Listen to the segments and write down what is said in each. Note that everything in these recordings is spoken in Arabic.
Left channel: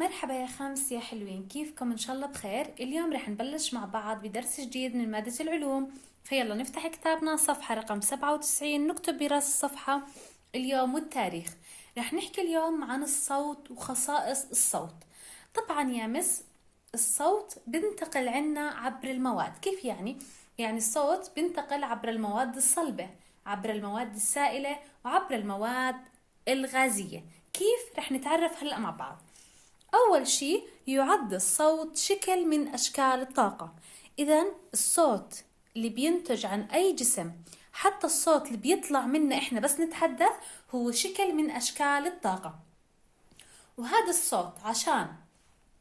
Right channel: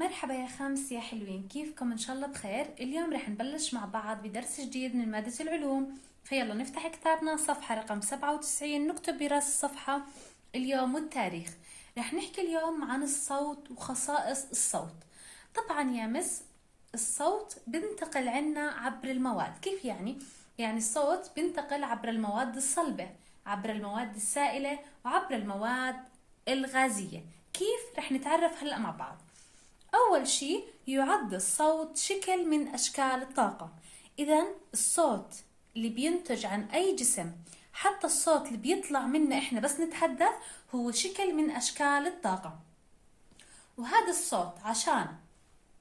مرحبا يا خمس يا حلوين، كيفكم؟ إن شاء الله بخير. اليوم رح نبلش مع بعض بدرس جديد من مادة العلوم. فيلا نفتح كتابنا صفحة رقم 97، نكتب براس الصفحة اليوم والتاريخ. رح نحكي اليوم عن الصوت وخصائص الصوت. طبعا يا مس، الصوت بنتقل عنا عبر المواد. كيف يعني؟ يعني الصوت بنتقل عبر المواد الصلبة، عبر المواد السائلة، وعبر المواد الغازية. كيف؟ رح نتعرف هلأ مع بعض. أول شيء، يعد الصوت شكل من أشكال الطاقة. إذا الصوت اللي بينتج عن أي جسم، حتى الصوت اللي بيطلع منا إحنا بس نتحدث، هو شكل من أشكال الطاقة. وهذا الصوت عشان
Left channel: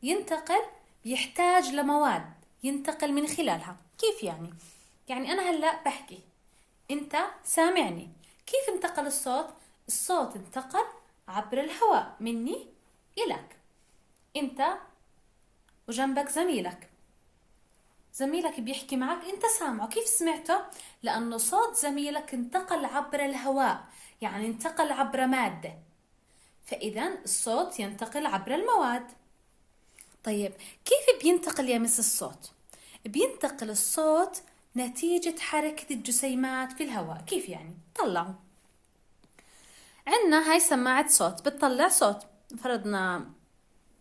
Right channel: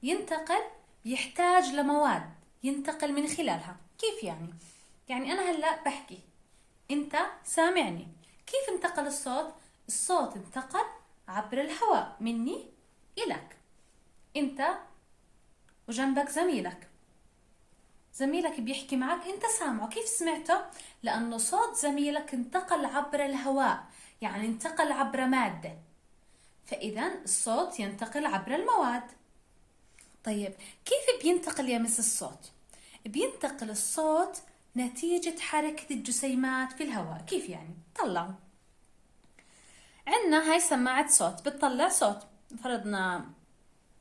ينتقل بيحتاج لمواد ينتقل من خلالها. كيف يعني؟ يعني أنا هلأ بحكي، أنت سامعني. كيف انتقل الصوت؟ الصوت انتقل عبر الهواء مني إلك. انت وجنبك زميلك بيحكي معك، انت سامعه. كيف سمعته؟ لانه صوت زميلك انتقل عبر الهواء، يعني انتقل عبر مادة. فاذا الصوت ينتقل عبر المواد. طيب كيف بينتقل يا مس الصوت؟ بينتقل الصوت نتيجة حركة الجسيمات في الهواء. كيف يعني؟ طلعوا عنا هاي سماعة صوت بتطلع صوت، فرضنا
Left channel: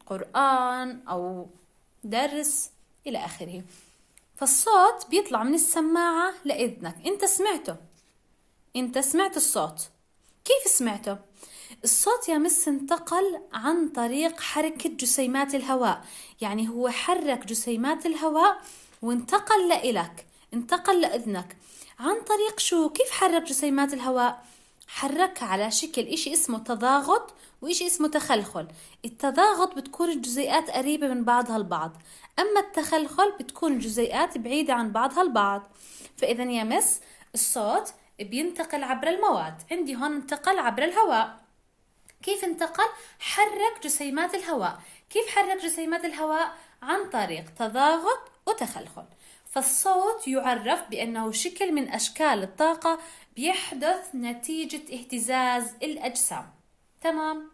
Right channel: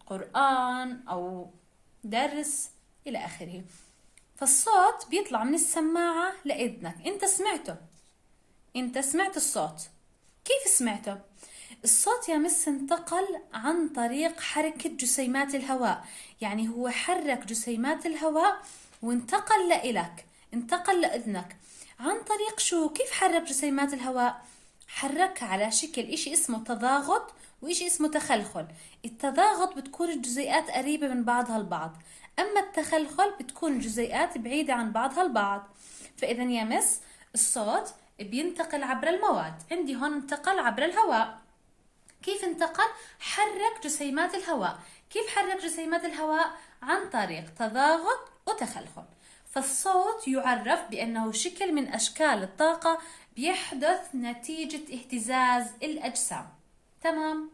قرآن أو درس إلى آخره. فالصوت بيطلع من السماعة لإذنك، أنت سمعت الصوت. كيف سمعته؟ الصوت يا مس انتقل عن طريق حركة جسيمات الهواء، يعني هو حرك جسيمات الهواء وانتقل لإلك، انتقل لإذنك. عن طريق شو؟ كيف حرك جسيمات الهواء؟ حركها على شكل إشي اسمه تضاغط وإشي اسمه تخلخل. التضاغط بتكون الجزيئات قريبة من بعضها البعض، أما التخلخل بتكون الجزيئات بعيدة عن بعضها البعض. فإذا يا مس، الصوت بينتقل عبر المواد. عندي هون انتقل عبر الهواء. كيف انتقل؟ حرك جسيمات الهواء. كيف حرك جسيمات الهواء؟ عن طريق تضاغط وتخلخل. فالصوت يعرف بأنه شكل من أشكال الطاقة بيحدث نتيجة اهتزاز الأجسام. تمام؟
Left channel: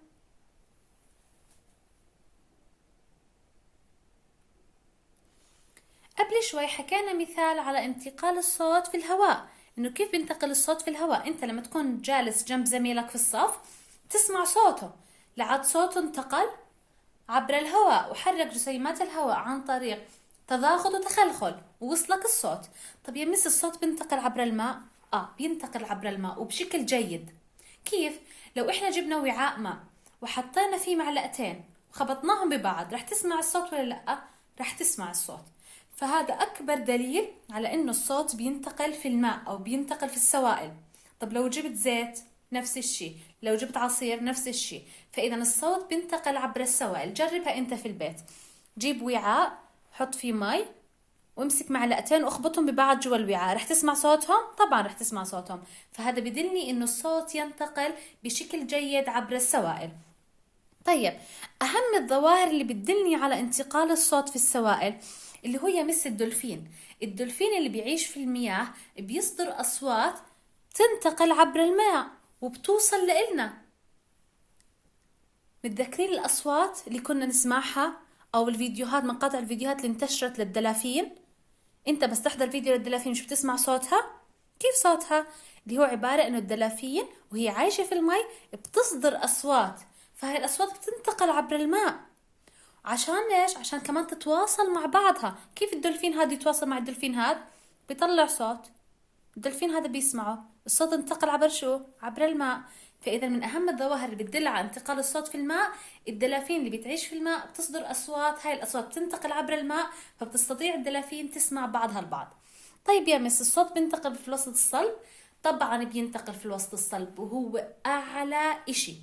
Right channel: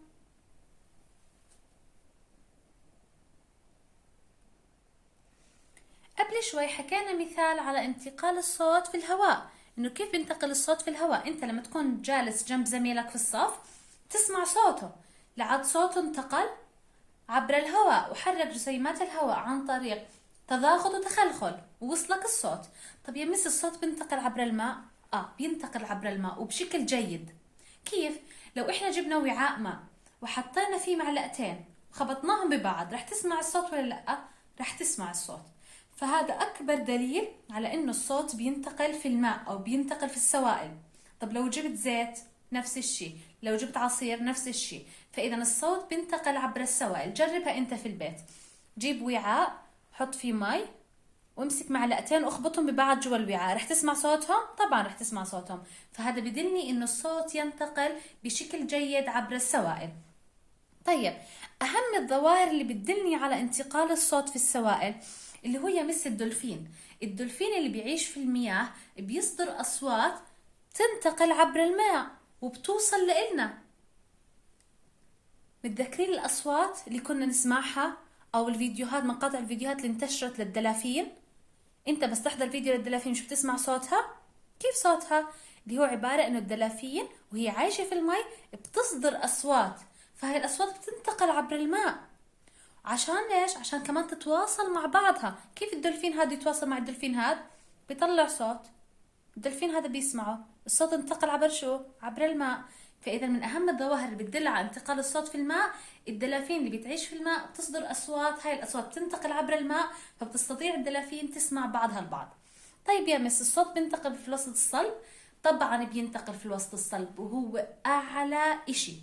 قبل شوي حكينا مثال على انتقال الصوت في الهواء، انه كيف بينتقل الصوت في الهواء. انت لما تكون جالس جنب زميلك في الصف تسمع صوته، لعد صوته انتقل عبر الهواء وحرك جسيمات الهواء عن طريق تضاغط وتخلخل ووصلك الصوت. طب يا مس، الصوت بينتقل عبر الماء؟ بينتقل عبر الماء وبشكل جيد. كيف؟ لو احنا جبنا وعاء ماء وحطينا فيه معلقتين وخبطناهم ببعض، رح تسمع الصوت ولا لا؟ رح تسمع الصوت. فهذا أكبر دليل على إنه الصوت بينتقل في الماء أو بينتقل في السوائل. طب لو جبت زيت نفس الشيء، لو جبت عصير نفس الشيء. فإذا الصوت بينتقل عبر السوائل. جربها أنت في البيت، جيب وعاء، حط فيه مي، وامسك معلقتين واخبطهم ببعض جوا الوعاء، رح تسمع صوتهم؟ طبعا رح تسمع صوتهم. فهذا بدلني إنه الصوت ينتقل بشكل جيد عبر السوائل. طيب، أهم الظواهر اللي بتدلني على انتقال الصوت في السوائل اللي هو يمس الدولفين اللي بيعيش في المياه بيصدر أصوات تنتقل عبر الماء وبتوصل لإلنا. متذكرين الأصوات اللي كنا نسمعها أو الفيديوهات، مقاطع الفيديوهات اللي انتشرت للدلافين؟ انت بس تحضر فيديو للدلافين شو بتسمع صوتها؟ كيف صوتها؟ اللي هو عبارة انه الدلافين وهي عايشة في المي بتصدر أصوات، فهاي الأصوات بتنتقل عبر الماء. عشان ليش؟ عشان كمان تتواصل مع بعضها. كيف الدولفين هذا يتواصل مع الدولفين هذا؟ بيطلع صوت، الدولفين هذا بيسمعه، الصوت انتقل عبر شو؟ عبر الماء. فإذا من أهم الظواهر اللي بتدل على انتقال الصوت في الماء، الدلافين اللي بتعيش في الماء بتصدر أصوات، هاي الأصوات بتنتقل عبر الماء، فبتستطيع الدلافين تسمع بعضها البعض. طيب يا مس، الصوت بينتقل في الوسط الصلب؟ طبعا بينتقل في الوسط الصلب، وهو أعلى إشي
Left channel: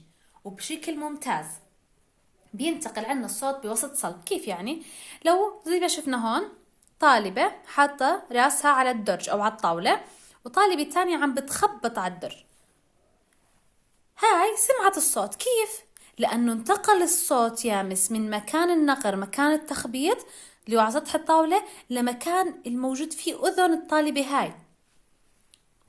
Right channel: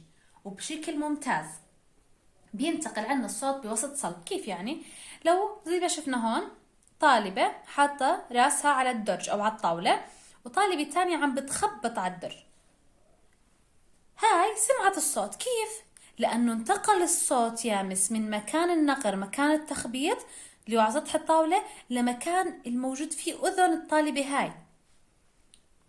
وبشكل ممتاز. بينتقل عنا الصوت بوسط صلب. كيف يعني؟ لو زي ما شفنا هون، طالبة حاطة راسها على الدرج أو على الطاولة، وطالبة تانية عم بتخبط على الدرج، هاي سمعت الصوت. كيف؟ لأنه انتقل الصوت يا مس من مكان النقر، مكان التخبيط اللي هو على سطح الطاولة، لمكان الموجود فيه أذن الطالبة هاي.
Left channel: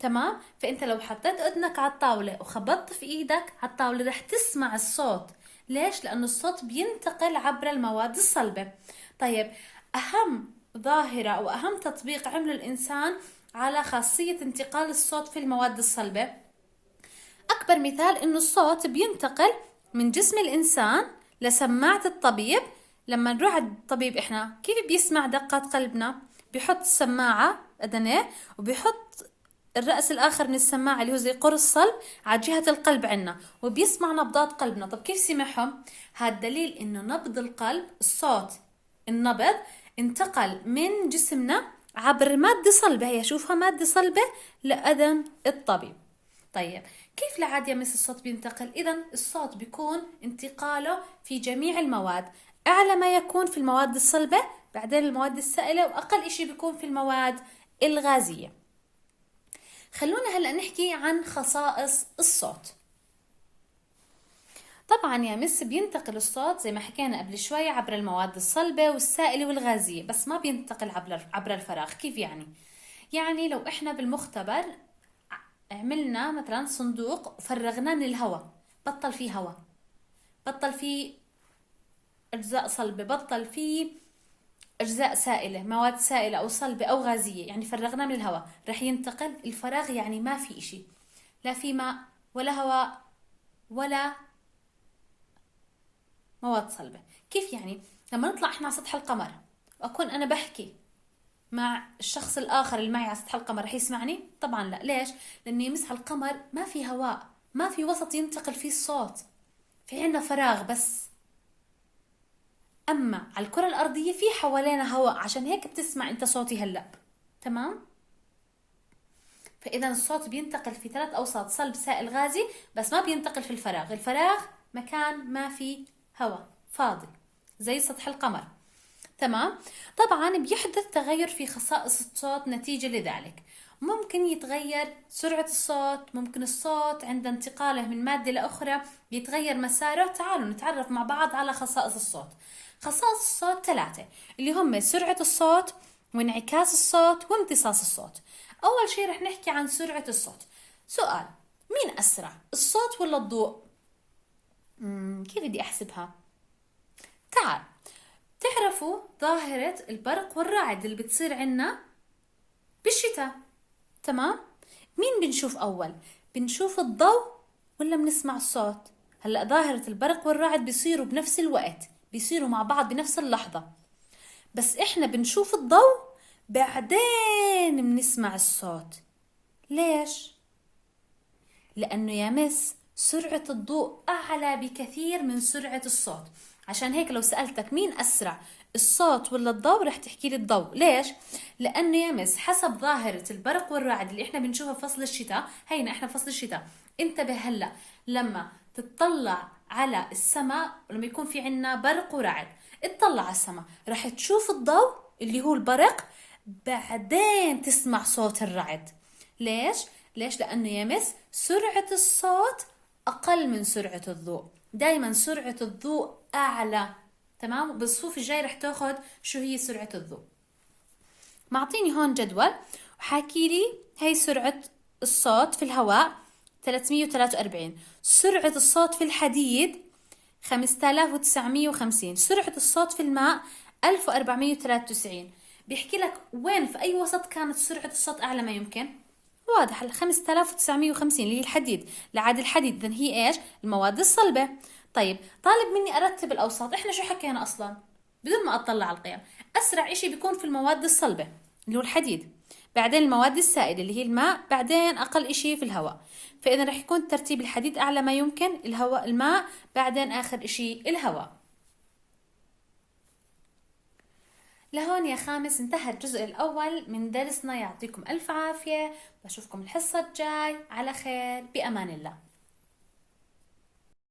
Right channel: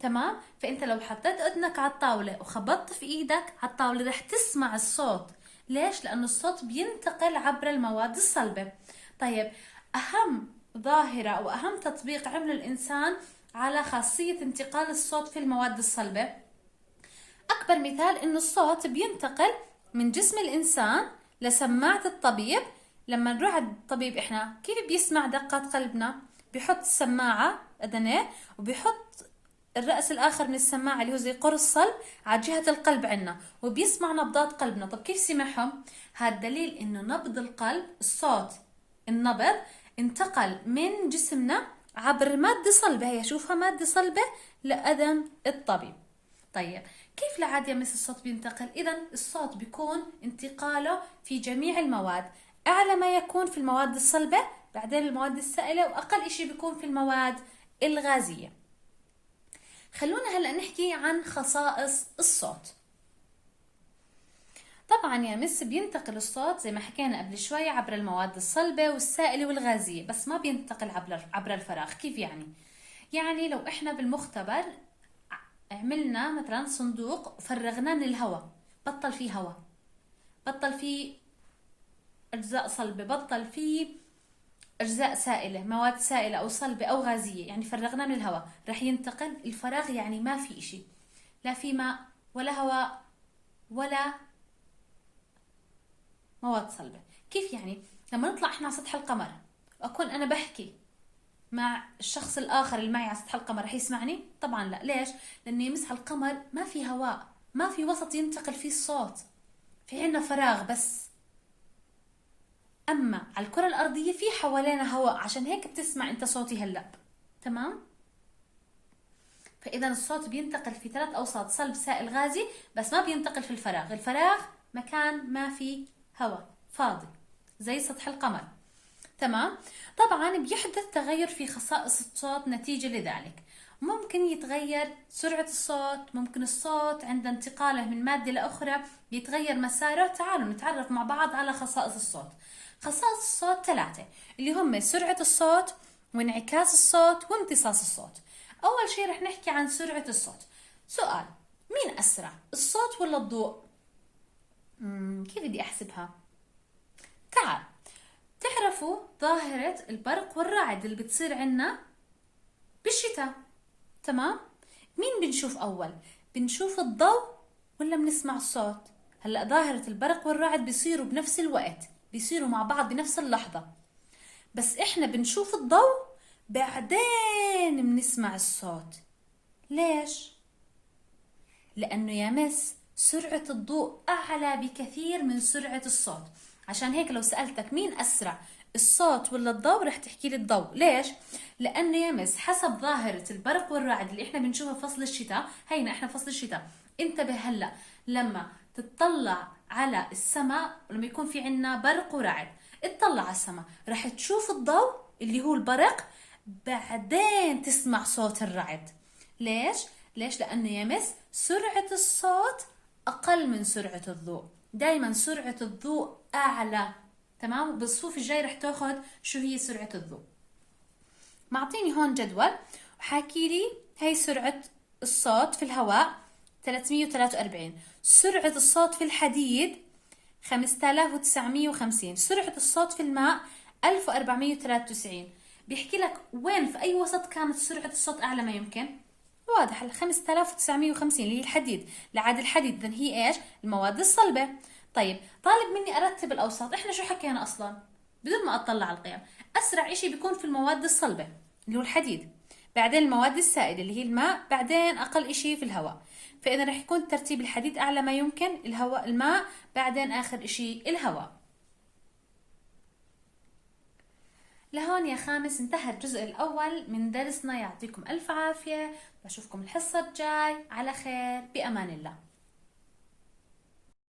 تمام؟ فأنت لو حطيت أذنك على الطاولة وخبطت في إيدك على الطاولة رح تسمع الصوت. ليش؟ لأنه الصوت بينتقل عبر المواد الصلبة. طيب أهم ظاهرة أو أهم تطبيق عمله الإنسان على خاصية انتقال الصوت في المواد الصلبة، أكبر مثال إنه الصوت بينتقل من جسم الإنسان لسماعة الطبيب. لما نروح عند الطبيب إحنا كيف بيسمع دقات قلبنا؟ بيحط السماعة أذنيه وبيحط الرأس الآخر من السماعة اللي هو زي قرص صلب على جهة القلب عنا، وبيسمع نبضات قلبنا. طب كيف سمعهم؟ هذا دليل إنه نبض القلب، الصوت، النبض انتقل من جسمنا عبر مادة صلبة، هي شوفها مادة صلبة، لأذن الطبيب. طيب كيف لعاد يا مس الصوت بينتقل؟ إذا الصوت بيكون انتقاله في جميع المواد، أعلى ما يكون في المواد الصلبة، بعدين المواد السائلة، وأقل إشي بيكون في المواد الغازية. خلونا هلأ نحكي عن خصائص الصوت. طبعا يا مس بينتقل الصوت زي ما حكينا قبل شوي عبر المواد الصلبة والسائلة والغازية، بس ما بينتقل عبر الفراغ. كيف يعني؟ يعني لو إحنا بالمختبر عملنا مثلا صندوق وفرغناه من الهواء، بطل فيه هواء، بطل فيه أجزاء صلبة، بطل فيه أجزاء سائلة، مواد سائلة أو صلبة أو غازية، يعني فرغناه من الهواء، رح ينتقل الفراغ، يعني ما في إشي، لا في ماء ولا هواء ولا مواد صلبة. كيف يعني؟ لما نطلع احنا على سطح القمر وأكون أنا بحكي مع الشخص الآخر اللي معي على سطح القمر، رح يسمعني؟ طبعا لا. ليش؟ لأنه يمس على القمر ما في هواء، ما في وسط ينتقل فيه الصوت، في عنا فراغ بس. أما على الكرة الأرضية في حوالينا هواء، عشان هيك بتسمع أنت صوتي هلأ. تمام؟ فإذا الصوت بينتقل في 3 أوساط، صلب سائل غازي، بس ما بينتقل في الفراغ. الفراغ مكان ما في هواء، فاضي زي سطح القمر. تمام؟ طبعا بيحدث تغير في خصائص الصوت نتيجة لذلك. ممكن يتغير سرعة الصوت، ممكن الصوت عند انتقاله من مادة لأخرى بيتغير مساره. تعالوا نتعرف مع بعض على خصائص الصوت. خصائص الصوت 3 اللي هم سرعة الصوت وانعكاس الصوت وامتصاص الصوت. أول شيء رح نحكي عن سرعة الصوت. سؤال: مين أسرع، الصوت ولا الضوء؟ كيف بدي أحسبها؟ تعال، تعرفوا ظاهرة البرق والرعد اللي بتصير عنا بالشتاء، تمام؟ مين بنشوف أول؟ بنشوف الضوء ولا بنسمع الصوت؟ هلأ ظاهرة البرق والرعد بيصيروا بنفس الوقت، بيصيروا مع بعض بنفس اللحظة، بس إحنا بنشوف الضوء بعدين بنسمع الصوت. ليش؟ لأنه يا مس سرعة الضوء أعلى بكثير من سرعة الصوت. عشان هيك لو سألتك مين أسرع، الصوت ولا الضوء، رح تحكي لي الضوء. ليش؟ لأنه يا مس حسب ظاهرة البرق والرعد اللي إحنا بنشوفها في فصل الشتاء، هينا إحنا فصل الشتاء، انتبه هلأ لما تطلع على السماء، لما يكون في عنا برق ورعد، اطلع على السماء رح تشوف الضوء اللي هو البرق، بعدين تسمع صوت الرعد. ليش؟ لأنه يا مس سرعة الصوت أقل من سرعة الضوء، دايما سرعة الضوء أعلى. تمام؟ بالصفوف الجاي رح تاخد شو هي سرعة الضوء. معطيني هون جدول وحاكي لي هي سرعة الصوت في الهواء 343، سرعة الصوت في الحديد 5950، سرعة الصوت في الماء 1493. بيحكي لك وين في أي وسط كانت سرعة الصوت أعلى ما يمكن. واضح، 5950 اللي هي الحديد. لعاد الحديد إذن هي إيش؟ المواد الصلبة. طيب طالب مني أرتب الأوساط، إحنا شو حكينا أصلا بدون ما أطلع على القيم؟ أسرع إشي بيكون في المواد الصلبة اللي هو الحديد، بعدين المواد السائلة اللي هي الماء، بعدين أقل إشي في الهواء. فإذا رح يكون ترتيب الحديد أعلى ما يمكن، الهواء الماء، بعدين آخر إشي الهواء. لهون يا خامس انتهى الجزء الأول من درسنا. يعطيكم ألف عافية، بشوفكم الحصة الجاي على خير، بأمان الله.